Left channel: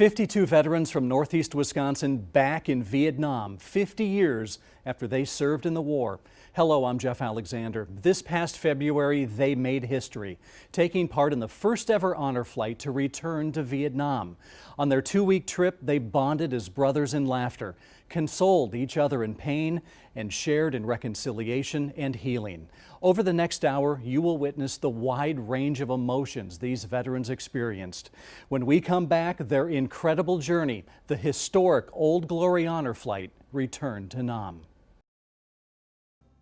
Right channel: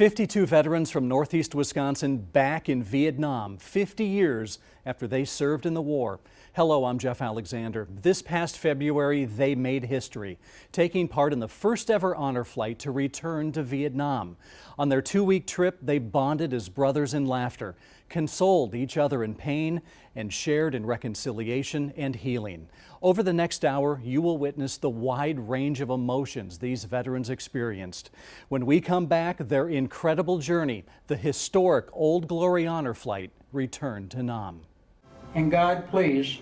52 veterans from northeast Wisconsin back in Vietnam 50 years after they served in the war. Hello, I'm Jeff Alexander. This past February, they made history, taking part in the first ever honor flight to return to Vietnam. On their 2-week trip, they bonded as brothers in laughter, consoled each other in pain, and shared in reconciliation and healing. Over the next hour, you will witness the wide range of emotions these veterans experienced. When we come back, their incredible journey, the historic Old Glory Honor Flight, returned to Nam. And God, please,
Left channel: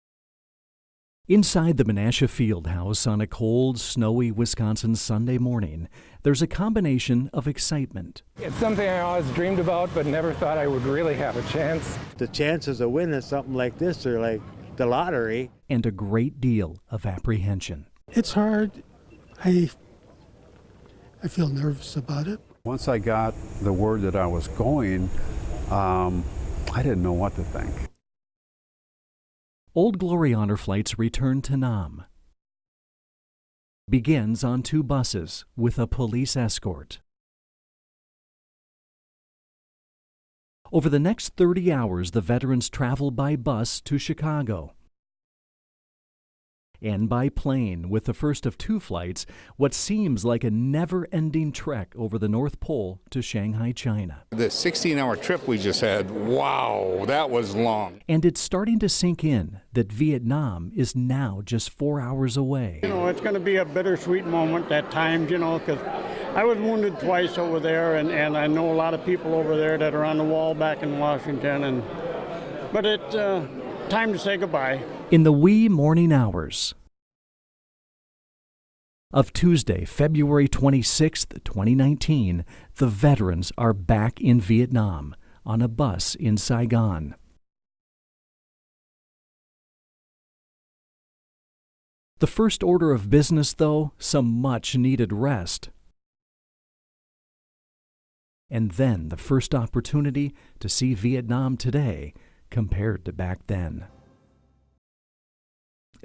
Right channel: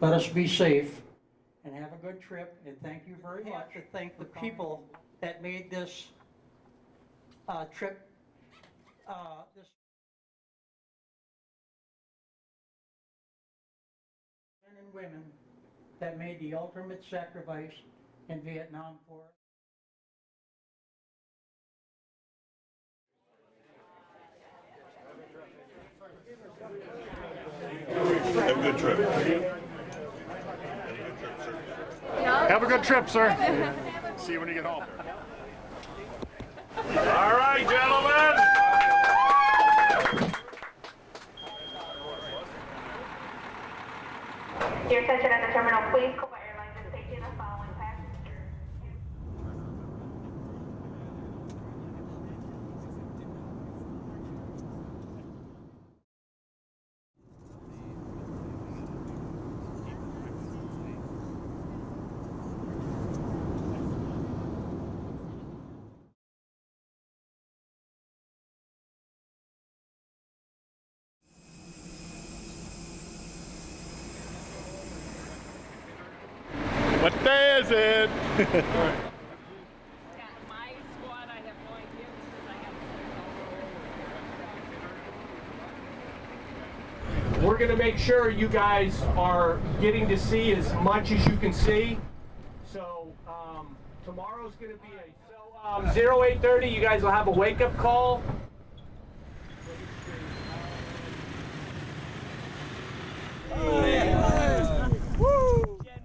let us be safe. Inside the Menasha Fieldhouse on a cold, snowy Wisconsin Sunday morning, there's a combination of excitement. It's something I always dreamed about, but never thought I would really have a chance. The chances of winning something like this are like the lottery. And a great deal of apprehension. It's hard. I feel nervous about it. Once I got the word that I was going, I didn't know what to think. Have a good trip. Old Glory Honor Flight's return to Nam Have a good trip, sir. begins on 2 buses with a police escort. All right, gentlemen. Over the next 30 hours, the veterans travel by bus to Chicago. Your attention at the terminal, please. And by plane, with the first of 2 flights, what seems like a never-ending trek over the North Pole to Shanghai, China. The 16-hour trip we just had, wow, that was long. And it's starting to sink in that Vietnam is now just 4 hours away. You know, it's going to be a bittersweet moment at times, you know, because I was wounded twice over there, and I know a lot of people over there that are on the wall back in Washington, but it's time to say goodbye. In the wee morning hours What day is it? of Tuesday, February 26, 2019, the veterans are back in Vietnam on a bus in Saigon. We're going to make sure you guys are getting to see as much as you can see. The first order of business, though, some much-needed rest. 0830, you guys will have a wake-up call. And then the first opportunity to see Vietnam today compared to back then.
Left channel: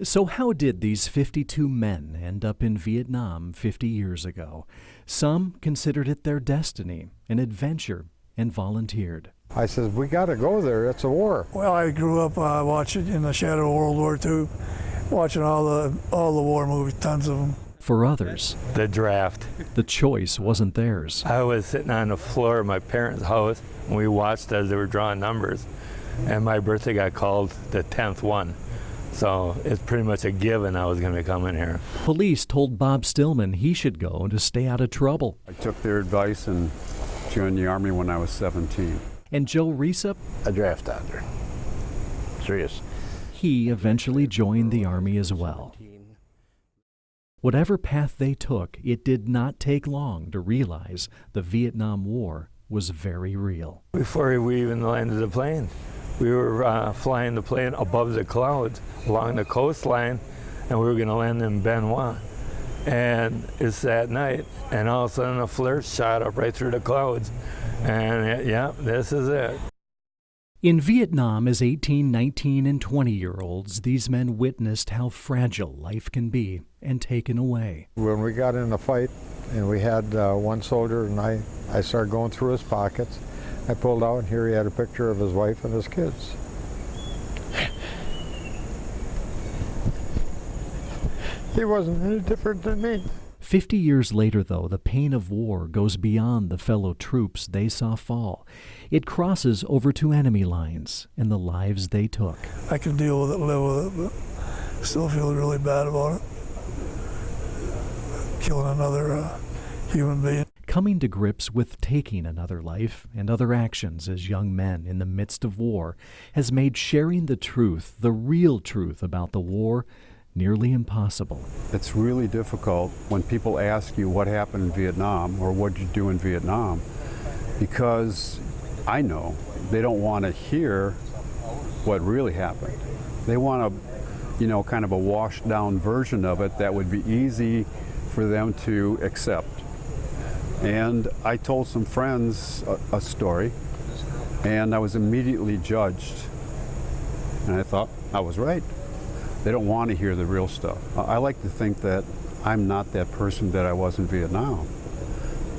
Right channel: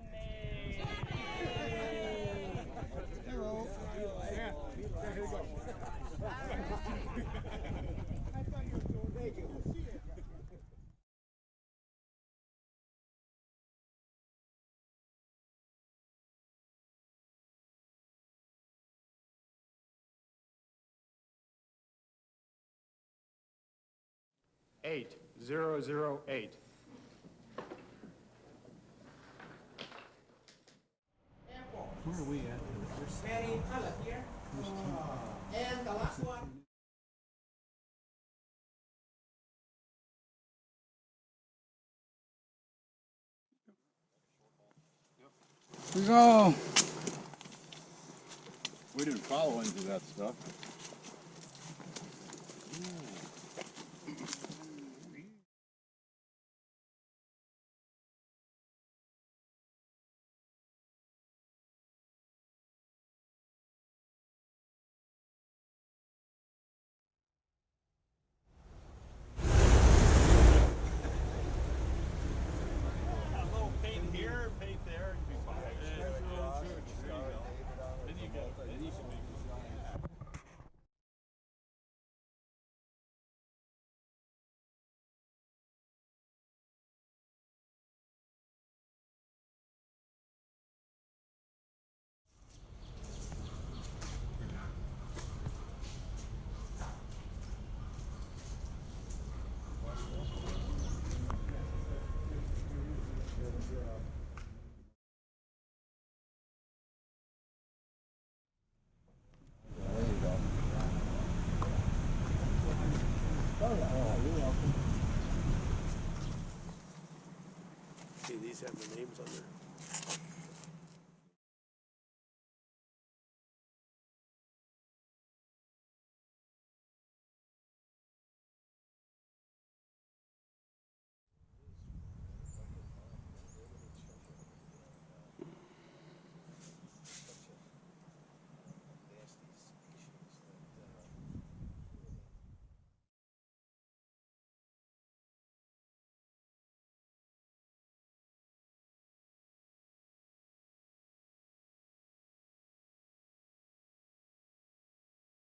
So how did these 52 men end up in Vietnam 50 years ago? Some considered it their destiny, an adventure, and volunteered. I said, we got to go there. It's a war. Well, I grew up watching in the shadow of World War II, watching all the war movies, tons of them. For others, the draft. The choice wasn't theirs. I was sitting on the floor of my parents' house, and we watched as they were drawing numbers. And my birthday got called the 10th one. So it's pretty much a given I was going to be coming here. Police told Bob Stillman he should go to stay out of trouble. I took their advice and joined the Army when I was 17. And Joe Reesup? A draft dodger. Serious. He eventually joined the Army as well. Go. Whatever path they took, it did not take long to realize the Vietnam War was very real. Before we even landed the plane, we were flying the plane above the clouds along the coastline, and we were going to land in Benoit. And it's that night, and all of a sudden a flare shot up right through the clouds. And yeah, this is it. In Vietnam, as 18, 19, and 20-year-olds, these men witnessed how fragile life can be and taken away. When we got in a fight, and we had one soldier, and I started going through his pockets. I pulled out, and here he had a picture of his wife and his kids. He wasn't any different than me. 50 years later, though, the pain of war goes beyond the fellow troops they saw fall. It crosses over to enemy lines and the lives they took. I can deal with it, live with it, but still feel really bad about it. Killing another human being. Coming to grips with taking another life and other actions as young men in the midst of war has made sharing the truth, the real truth about the war, nearly impossible. It's really difficult when people ask you what happened in Vietnam or what did you do in Vietnam, because I know they don't want to hear what really happened. They want a, kind of a washed down version of it that would be easy for them to accept. And I told some friends a story, and I was immediately judged. And I thought I was right. They don't want to hear the real stuff. I like to think that I'm not that person that I was in Vietnam,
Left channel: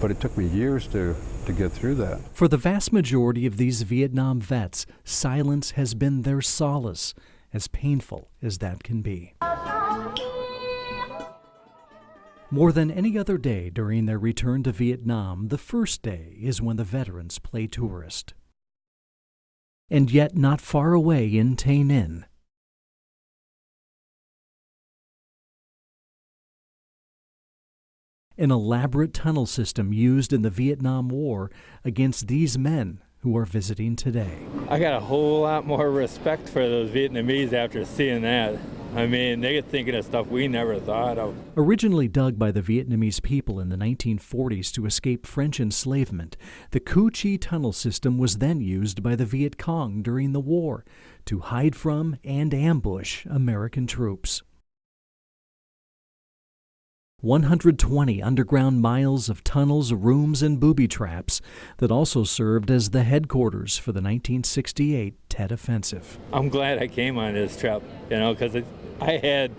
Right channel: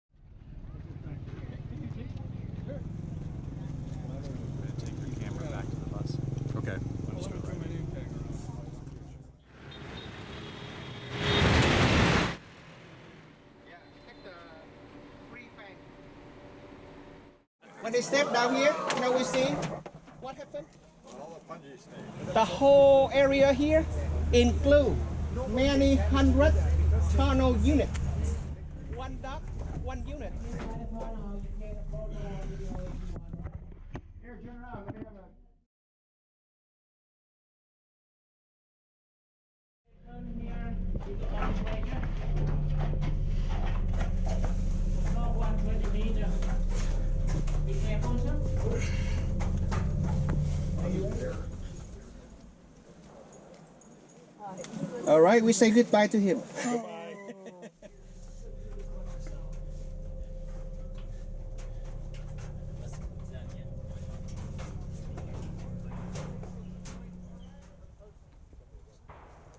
but it took me years to to get through that. For the vast majority of these Vietnam vets, silence has been their solace, as painful as that can be. More than any other day during their return to Vietnam, the first day is when the veterans play tourist. When they step down here, you know what we see? And yet not far away in Tay Ninh. The whole area here includes many hundred tunnel units. An elaborate tunnel system used in the Vietnam War against these men who are visiting today. I got a whole lot more respect for those Vietnamese after seeing that. I mean, they get thinking of stuff we never thought of. Originally dug by the Vietnamese people in the 1940s to escape French enslavement, the Cu Chi tunnel system was then used by the Viet Cong during the war to hide from and ambush American troops. All right, we say goodbye to him. 120 underground miles of tunnels, rooms, and booby traps that also served as the headquarters for the 1968 Tet Offensive. I'm glad I came on this trip, you know, because I had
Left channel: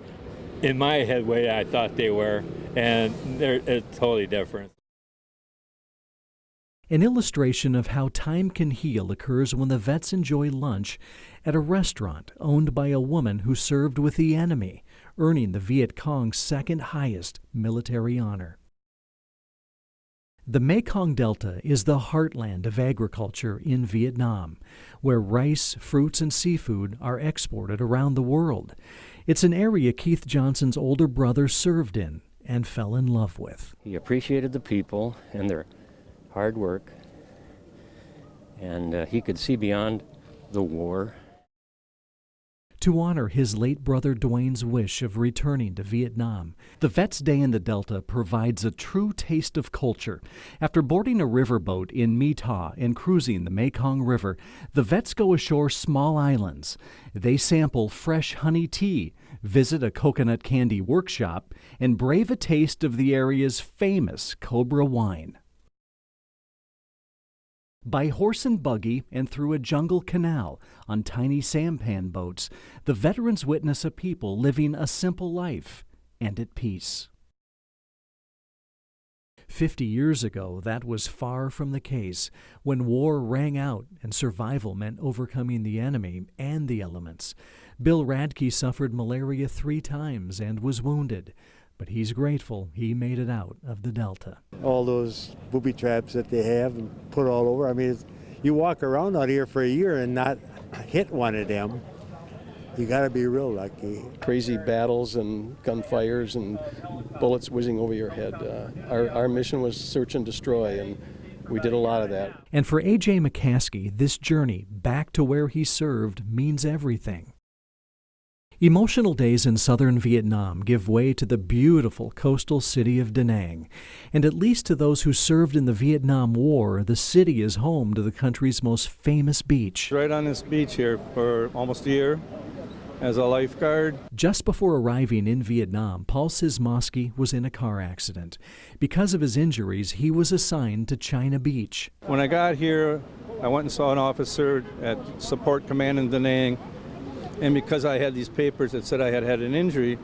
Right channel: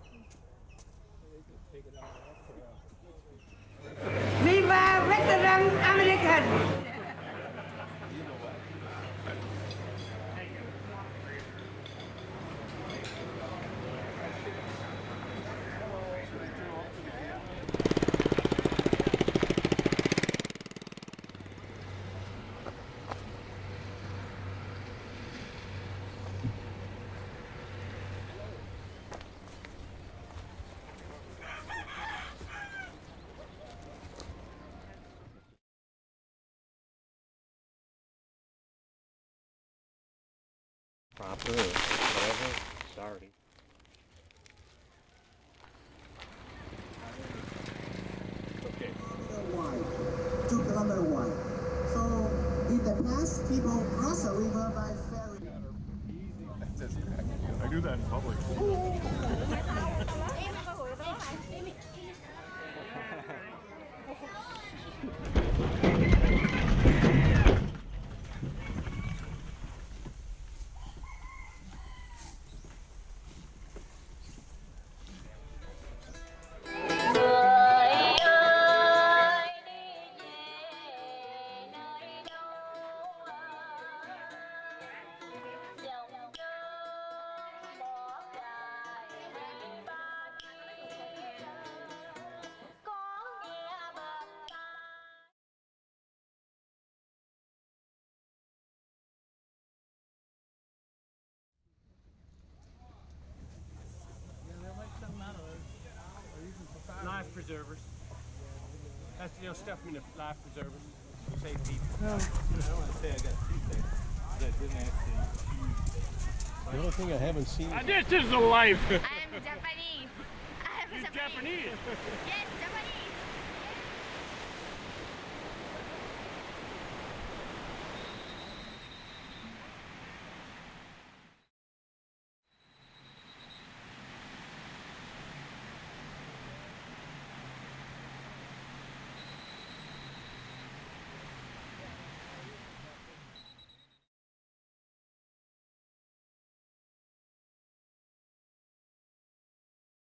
in my head way I thought they were, and it's totally different. An illustration of how time can heal occurs when the vets enjoy lunch at a restaurant owned by a woman who served with the enemy, earning the Viet Cong's second highest military honor. The Mekong Delta is the heartland of agriculture in Vietnam, where rice, fruits, and seafood are exported around the world. It's an area Keith Johnson's older brother served in and fell in love with. He appreciated the people and their hard work, and he could see beyond the war. To honor his late brother Dwayne's wish of returning to Vietnam, the Vets' Day in the Delta provides a true taste of culture. After boarding a riverboat in My Tha and cruising the Mekong River, the vets go ashore small islands. They sample fresh honey tea, visit a coconut candy workshop, and brave a taste of the area's famous Cobra wine. By horse and buggy and through a jungle canal on tiny sampan boats, the veterans witness a people living a simple life and at peace. 50 years ago, that was far from the case, when war rang out and survival meant overcoming the enemy and the elements. Bill Radke suffered malaria 3 times and was wounded, but he's grateful he made it out of the Delta. All those booby traps that they have and put all over, I mean, you walk around out here for a year and not hit one of them. You got to be real lucky. Crazy battles and gunfires and bullets whizzing over your head. Our mission was search and destroy, and we did a lot of that. And for A.J. McCaskey, this journey back to where he served means everything. Emotional days in southern Vietnam give way to the beautiful coastal city of Da Nang. And at least to those who served in the Vietnam War, the city is home to the country's most famous beach. Right on this beach here for almost a year as a lifeguard. Just before arriving in Vietnam, Paul Sismosky was in a car accident. Because of his injuries, he was assigned to China Beach. When I got here, I went and saw an officer at Support Command in Da Nang, and because I had these papers that said I had had an injury,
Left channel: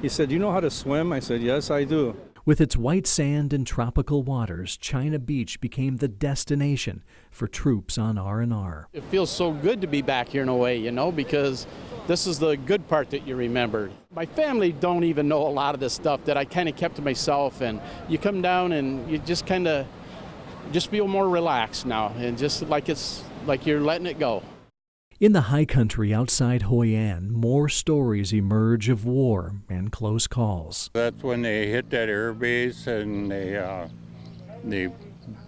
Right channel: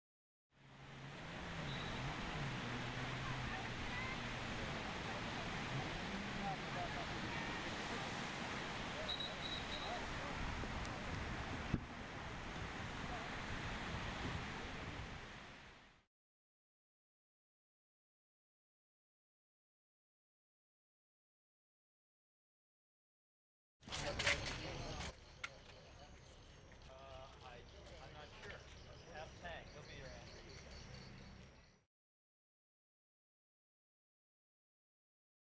he said, "You know how to swim?" I said, "Yes, I do." With its white sand and tropical waters, China Beach became the destination for troops on R&R. It feels so good to be back here in a way, you know, because this is the good part that you remember. My family don't even know a lot of this stuff that I kind of kept to myself, and you come down and you just kind of just feel more relaxed now, and just like it's like you're letting it go. In the high country outside Hoi An, more stories emerge of war and close calls. That's when they hit that air base and they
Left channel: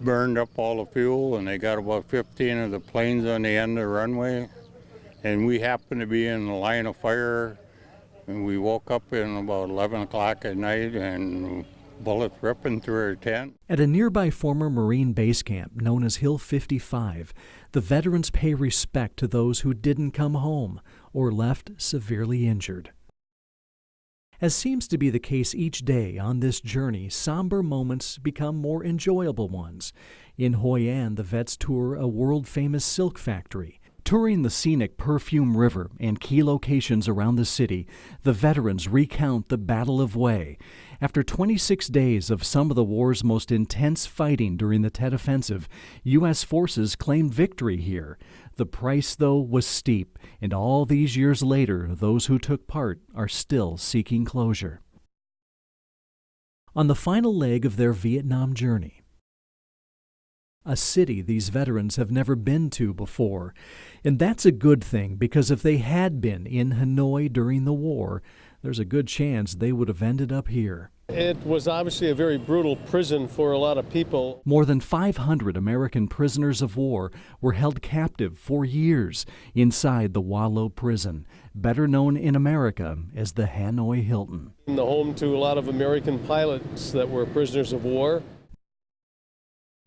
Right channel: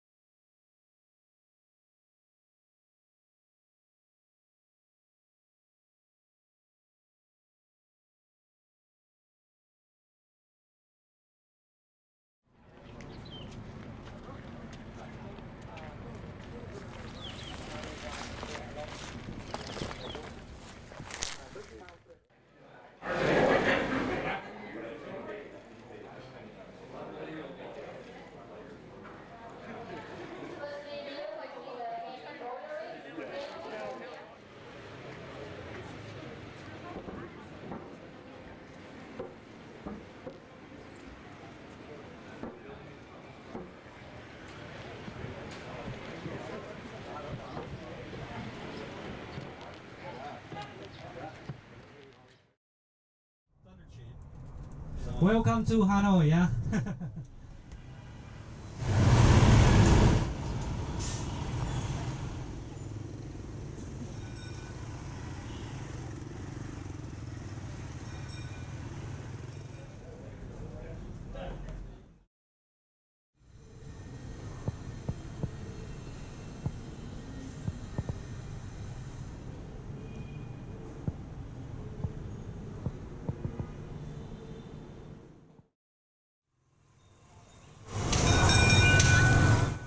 burned up all the fuel, and they got about 15 of the planes on the end of the runway. And we happened to be in the line of fire, and we woke up in about 11 o'clock at night and bullets ripping through our tent. At a nearby former Marine base camp known as Hill 55, the veterans pay respect to those who didn't come home or left severely injured. As seems to be the case each day on this journey, somber moments become more enjoyable ones. In Hoi An, the vets tour a world-famous silk factory. Touring the scenic Perfume River and key locations around the city, the veterans recount the Battle of Hue After 26 days of some of the war's most intense fighting during the Tet Offensive, U.S. forces claimed victory here. The price, though, was steep, and all these years later, those who took part are still seeking closure. Welcome to Hanoi, yeah? On the final leg of their Vietnam journey, a city these veterans have never been to before. And that's a good thing, because if they had been in Hanoi during the war, there's a good chance they would have ended up here. It was obviously a very brutal prison for a lot of people. More than 500 American prisoners of war were held captive for years inside the Wa Lo prison, better known in America as the Hanoi Hilton. The home to a lot of American pilots that were prisoners of war.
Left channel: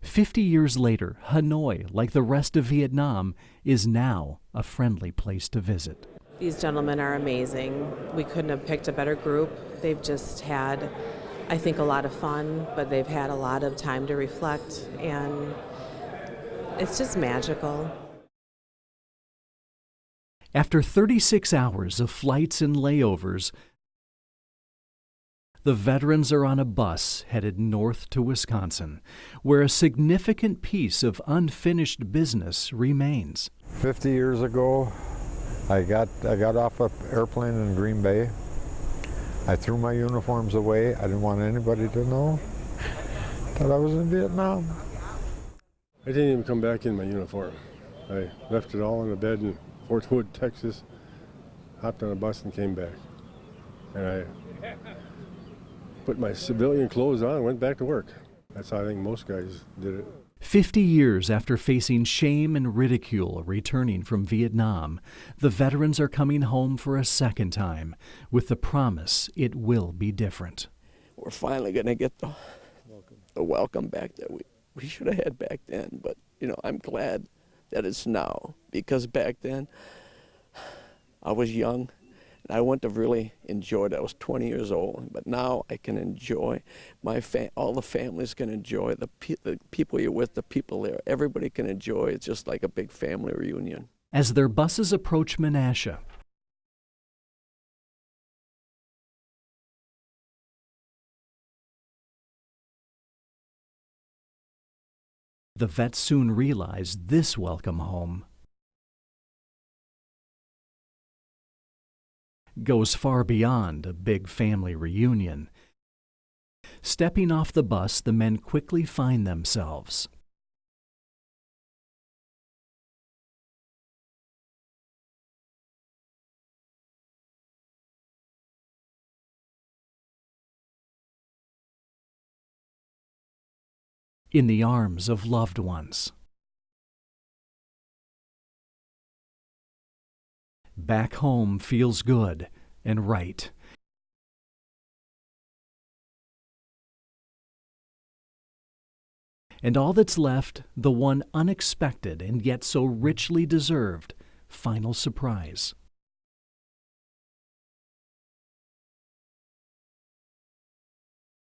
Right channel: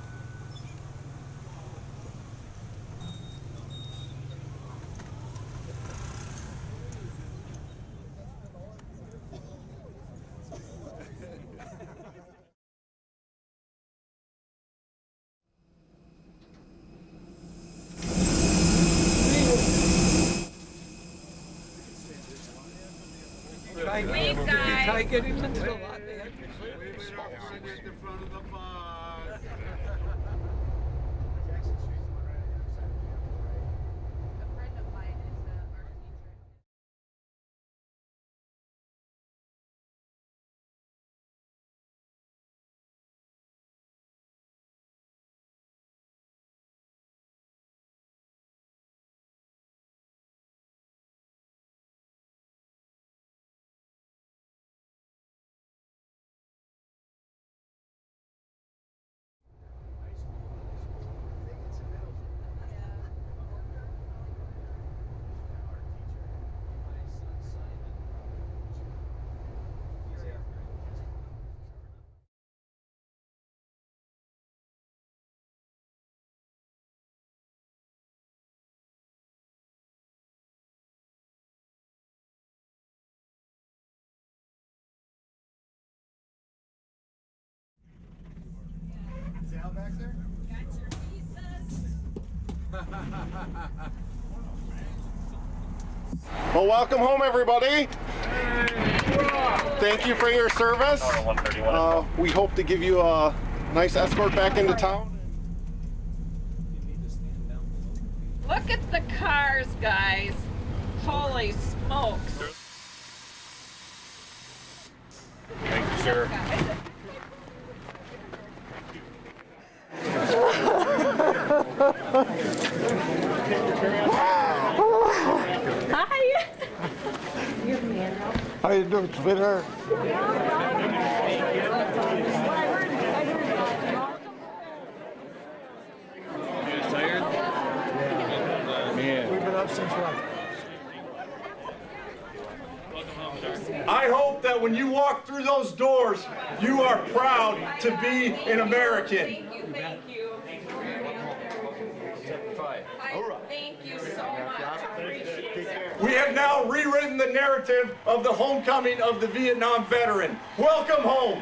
50 years later, Hanoi, like the rest of Vietnam, is now a friendly place to visit. These gentlemen are amazing. We couldn't have picked a better group. They've just had, I think, a lot of fun, but they've had a lot of time to reflect, and it's just magical. After 36 hours of flights and layovers, the veterans are on a bus headed north to Wisconsin, where a significant piece of unfinished business remains. 50 years ago, I got off an airplane in Green Bay. I threw my uniforms away. I didn't want anybody to know that I was in Vietnam. I didn't even come back in my uniform. I left it all in a bed in Fort Hood, Texas, hopped on a bus and came back. And I put my civilian clothes on and went back to work. That's how I think most guys did it. 50 years after facing shame and ridicule returning from Vietnam, the veterans are coming home for a second time with the promise it will be different. We're finally going to get the welcome back that we should have had back then. But, you know, I'm glad that it's now, because back then I was young and I wouldn't have really enjoyed it. I was 20 years old, but now I can enjoy all the families can enjoy, the people you're with, the people there. Everybody can enjoy. It's just like a big family reunion. As their buses approach Menasha, Well, welcome home, everybody. Thank you for your service. We hope to give you a nice escort back into town. the vets soon realize this welcome home Look at the cars, guys. Holy smokes. goes far beyond a big family reunion. Thank you, sir. Stepping off the bus, the men quickly find themselves Hi. How you doing, sweetheart? in the arms of loved ones. Back home feels good and right. I hope that when you walk through those doors, you are proud to be an American. And all that's left, the one unexpected and yet so richly deserved final surprise. We have now rewritten the narrative of the homecoming of the Vietnam veteran. Welcome home.